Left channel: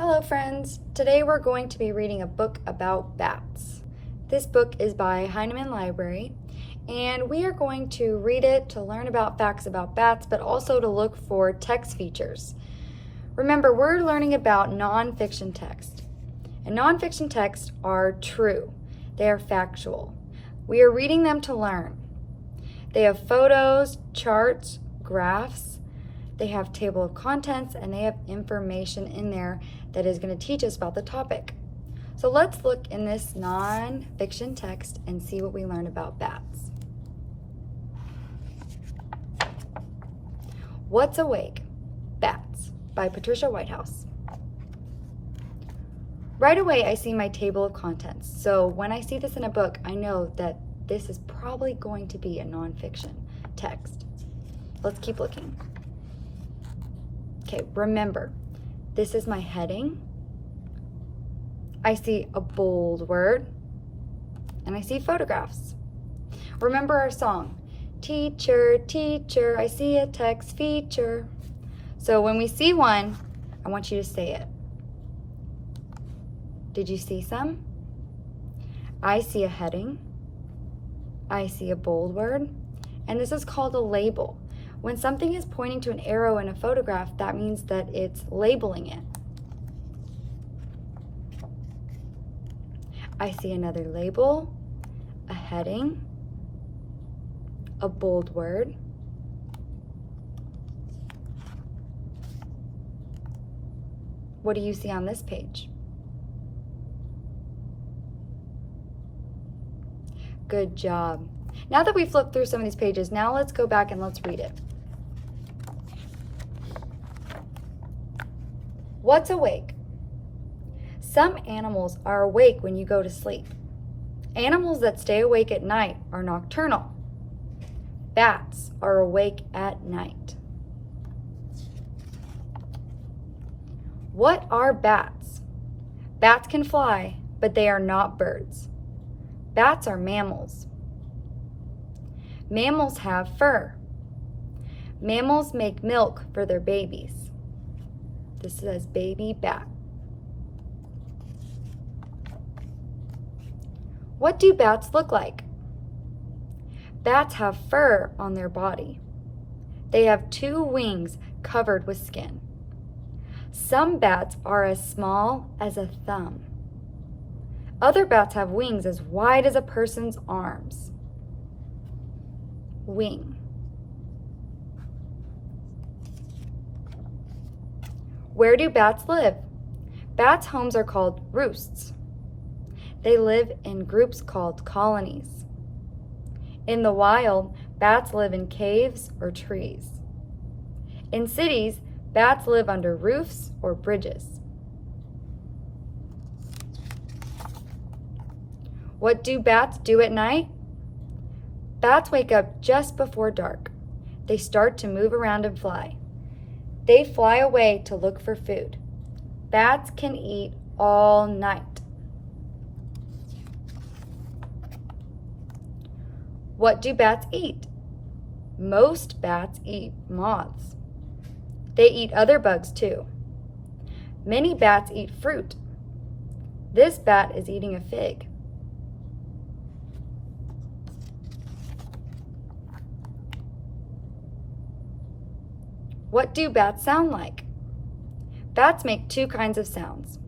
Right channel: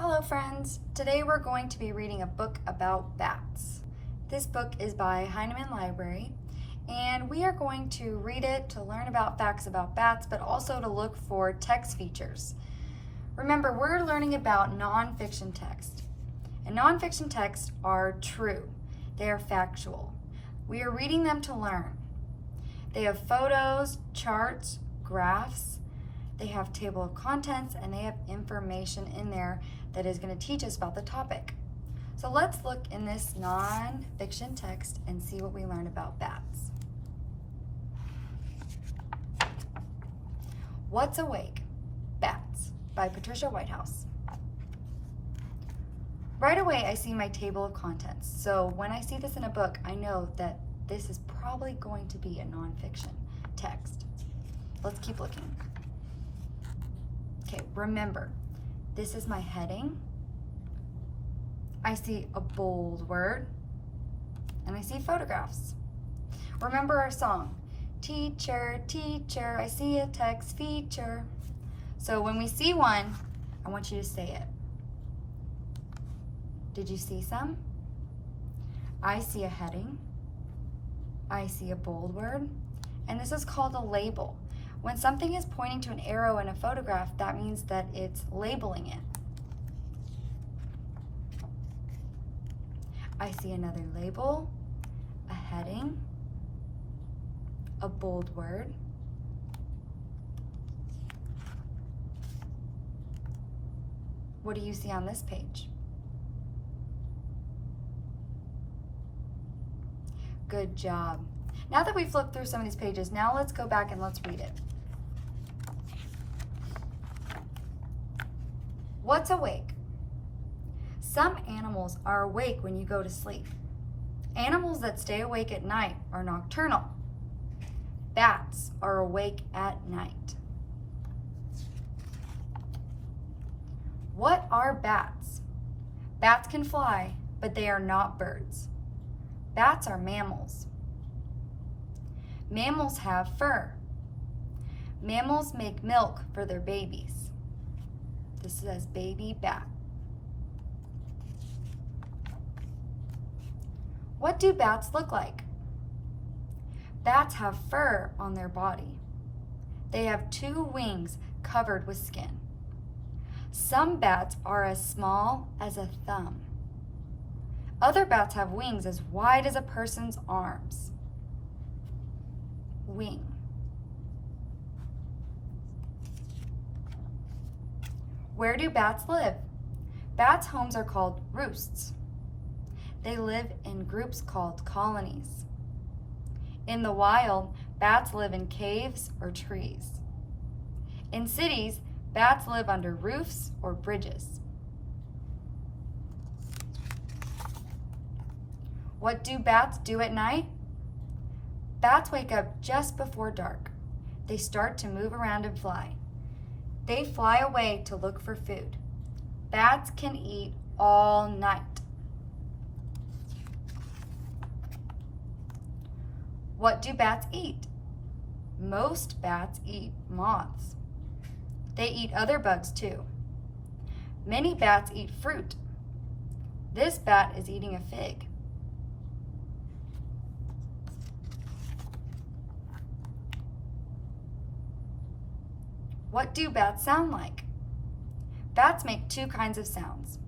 Hello friends! Today we're going to be reading a book about bats. This book is by Heinemann Library, and we are going to read it to learn about facts about bats, but also to look for text features. Remember, we're learning about nonfiction text, and nonfiction texts are true. They are factual. We are reading them to learn. They have photos, charts, graphs. They have table of contents, and they have information in there that is going to teach us about the topic. So let's look in this non-fiction text and see what we learn about bats. What's Awake? Bats by Patricia Whitehouse. Right away I see my table of contents. So when I see this in a book, I know that this is probably going to be a non-fiction text. Let's keep looking. Okay, remember, this is my heading. I see a bold word, and I see photographs. Remember our song, teacher, teacher, I see a text feature. So when we see one, I want you to say it. Did you see some? I see a heading. I see a bold word, and this is called a label. When something is pointing to an arrow in a photograph, that means that it's labeling it. I see another label, a heading, a bold word, what do you see on this page? Good job. Now that we've looked through some of these pages, now let's go back and let's read it. What's awake? Some animals are awake when you go to sleep. Animals that stay awake at night are nocturnal. Bats are awake at night. What are bats? Bats can fly, but they are not birds. Bats are mammals. Mammals have fur. Mammals make milk for their babies. This says baby bat. What do bats look like? Bats have fur on their body. They have 2 wings covered with skin. Some bats are as small as a thumb. Other bats have wings as wide as a person's arms. Wing. Where do bats live? Bats' homes are called roosts. They live in groups called colonies. In the wild, bats live in caves or trees. In cities, bats live under roofs or bridges. What do bats do at night? Bats wake up just before dark. They start to move around and fly. They fly away to look for food. Bats can eat all night. What do bats eat? Most bats eat moths. They eat other bugs too. Many bats eat fruit. This bat is eating a fig. What do bats sound like? Bats make 2 kinds of sounds.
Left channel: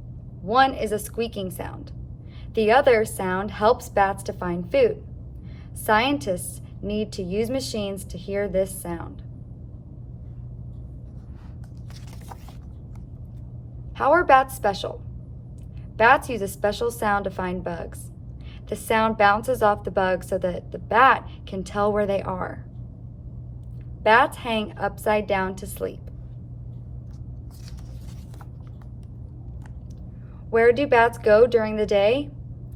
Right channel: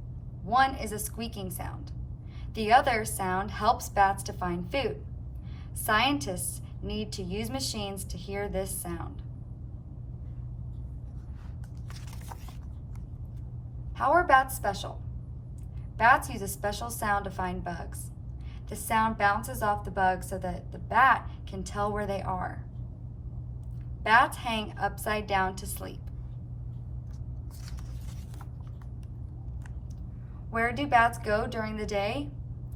One is a squeaking sound. The other sound helps bats to find food. Scientists need to use machines to hear this sound. How are bats special? Bats use a special sound to find bugs. The sound bounces off the bug so that the bat can tell where they are. Bats hang upside down to sleep. Where do bats go during the day?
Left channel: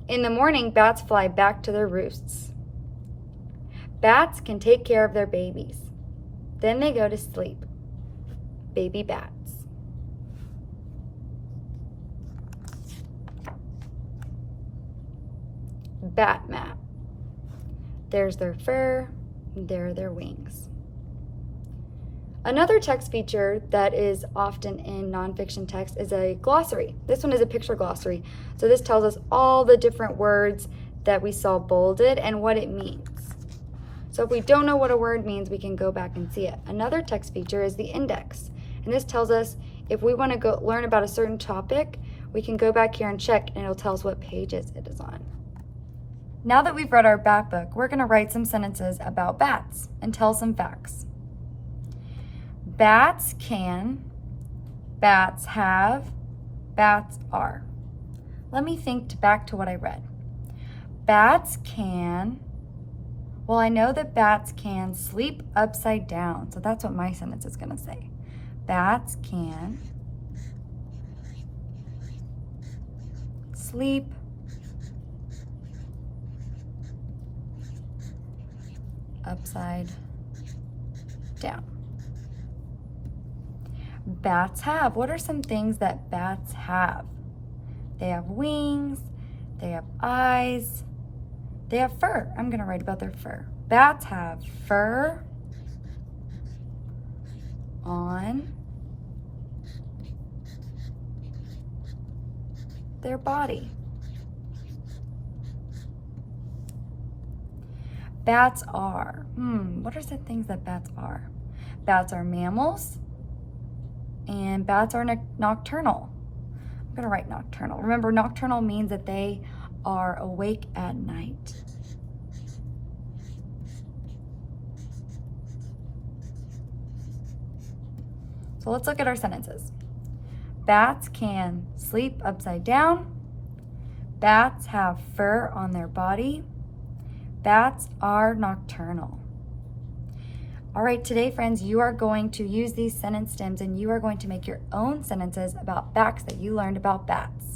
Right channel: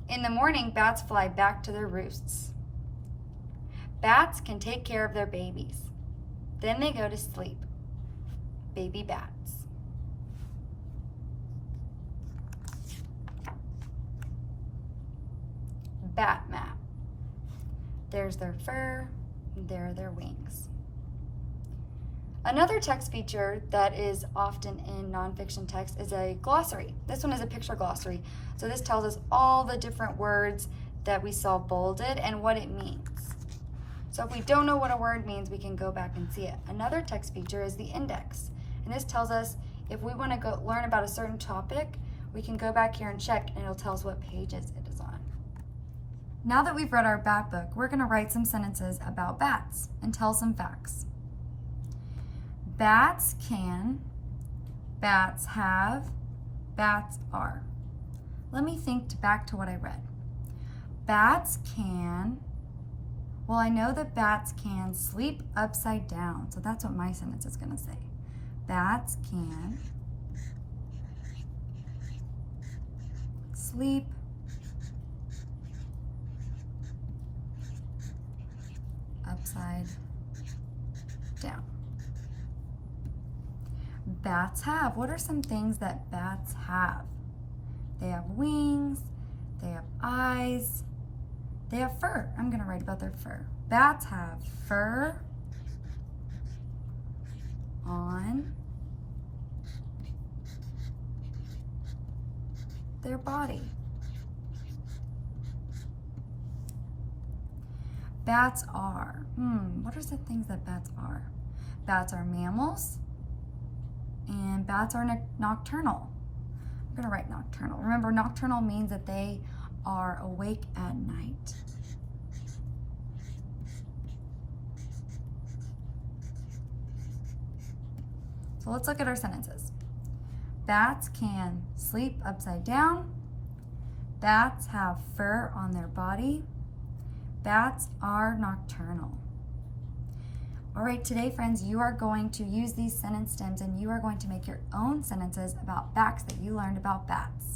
In the morning, bats fly back to their roosts. Bats can take care of their babies. Then they go to sleep. Baby bats. Bat map. There's their fur, there are their wings. Another text feature that is often in nonfiction text is a glossary. This one is a picture glossary. So this tells us all the different words that we saw bolded and what it means. So if we don't know what a word means, we can go back and see it. Another text feature is the index. And this tells us if we want to go learn about a certain topic, we can go back here and check, and it'll tell us what pages it is on. Now that we've read our bat book, we're going to write some sentences about bats and tell some facts. Bats can, bats have, bats are. Let me think back to what I read. Bats can, well, I know that bats can sleep upside down, so that's what my sentence is going to say. Bats can sleep upside down. Bats have. What are some things that bats have? They have wings, they have eyes, they have fur. I'm going to write about their fur. Bats have fur on their body. Bats are. What are the things that bats are? Bats are mammals, and bats are nocturnal. I'm going to write nocturnal. Remember, nocturnal means that they are awake at night. So let's look at our sentences. Bats can sleep upside down. Bats have fur on their body. Bats are nocturnal. All right, today, friends, you are going to use these sentence stems and you are going to make your own sentences about facts that you learned about bats.